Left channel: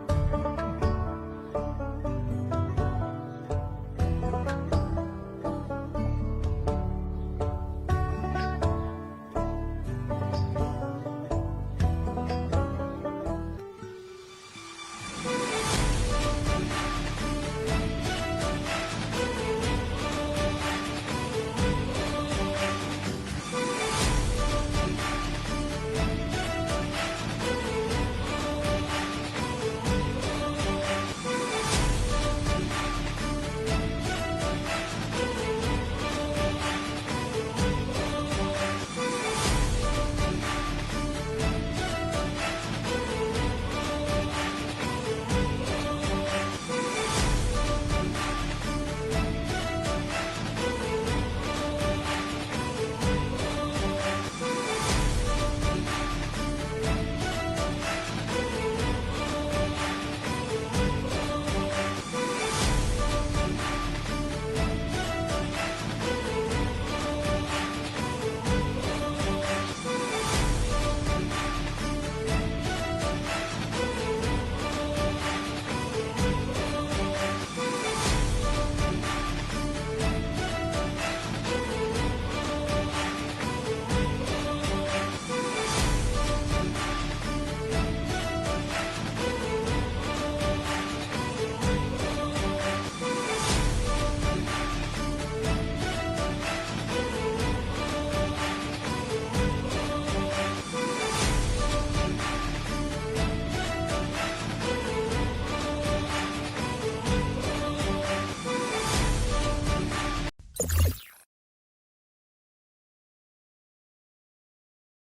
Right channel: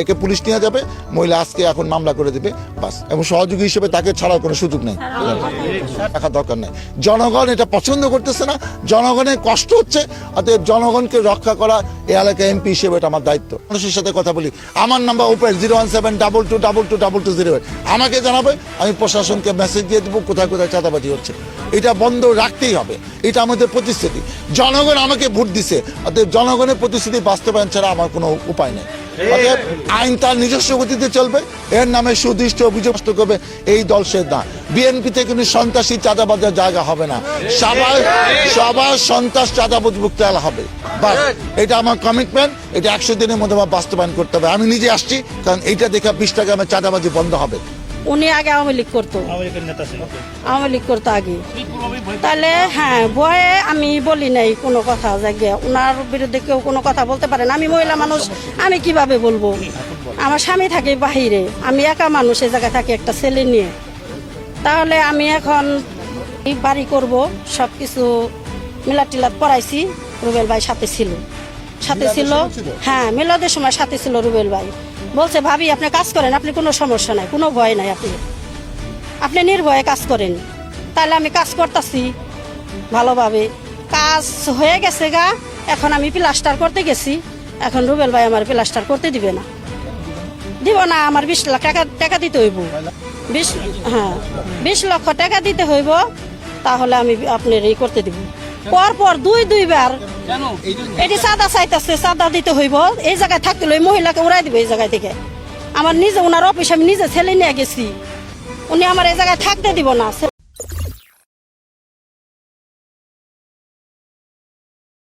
একে পুলিশ নিয়ে যাবে, মহিলা আজকে এখন মামলা করে দেবে বাস, এবং সহযোগী হিসেবে তাকে ছাড়ার কোনো সুযোগ নেই, রাখার দরকার নেই। জনগণ এটা পছন্দ করতেছে না, জনগণের কষ্ট হচ্ছে, অতএব জনগণকে রক্ষা করা এই এলাকায় এমপি হিসেবে এটা আমার দায়িত্ব। মানুষের সাথে কথা বলি, আমার নাম্বার ওপেন 01722222208, আমাকে জানাবে, আমি প্রশাসনকে মেসেজ দিয়ে দেবো কোথায় কোথায় চাঁদাবাজি হচ্ছে। এটা বন্ধ রাখতেই হবে, এটা আমাদের প্রতিশ্রুতি। জনগণ আমাকে ভোট দিছে, অতএব জনগণের প্রতিশ্রুতি বাস্তবায়ন ছাড়া আমার কোনো উপায় নেই। অতএব আইন তার নিজস্ব গতিতে চলবে, এর নামে সুদৃষ্ট অভিযোগ করবে এই দল সে না। বিএনপিতে কিন্তু সন্ত্রাসী চাঁদাবাজের জায়গা হবে না, সবার সন্ত্রাস চাঁদাবাজ মুক্ত হবে, বাস এটা আমার কমিটমেন্ট। এটা 100 দিনের মধ্যে আমার বাস্তবায়ন করতে হবে। আমি নিজে আসছি, কারণ এইটা দেখে 20 টাকা আমার চাঁদাবাজি বন্ধ হবে। উনি আগে আওয়ামী লীগ করতো, আওয়ামী লীগ করতো আগে, তাহলে হ্যাঁ ভয়ে আমি বলি নাই কোনো কথা, যে ওনার বিরুদ্ধে কেউ কোনো কথা বলতে পারে না। আমি মহিলা মানুষ, আমি কিভাবে বলবো? আমার স্বামী থাকে বাহিরে, আমি একা মানুষ, এই জায়গায় থাকি একটা ছেলে নিয়ে। তাহলে আমি এখন বাড়ি করব, সব কিছু মিলাদ টিলাদ করাইছি। রুবেল ভাই সাথে ছিল, হ্যাঁ মিলাদের সময় সাথে ছিল রুবেল ভাই। বলছে ভাবি আপনি কাজ করেন, আপনি কোনো সমস্যা নাই, কোনো ভয় নাই, আপনি নির্ভয়ে কাজ করেন। তাহলে আমি কাজ করতেছি ভালোভাবে, কাজ হয়ে গেছে গা। এখন আমি প্লাস্টার করতে গেছি, এখন রুবেল ভাই আমার প্লাস্টার করতে দিব না, আমার 20 লাখ টাকা দিতে হইব, 20 লক্ষ টাকা দিতে হইব, তাহলে আমি আপনার এই করতে দিব। পরপর দুইবার এটি চাঁদা চাইতেছে, চাঁদা দিতে হইব। এই জায়গায় থাকতে হলে মহিলাকে উড়াই দিব এই জায়গায় থেকে। আমার নিজে ওনার অফিসে আমি নিজে ছেলে নিয়ে গেছি, উনি আমার এই জায়গায় থাকতে দিব না।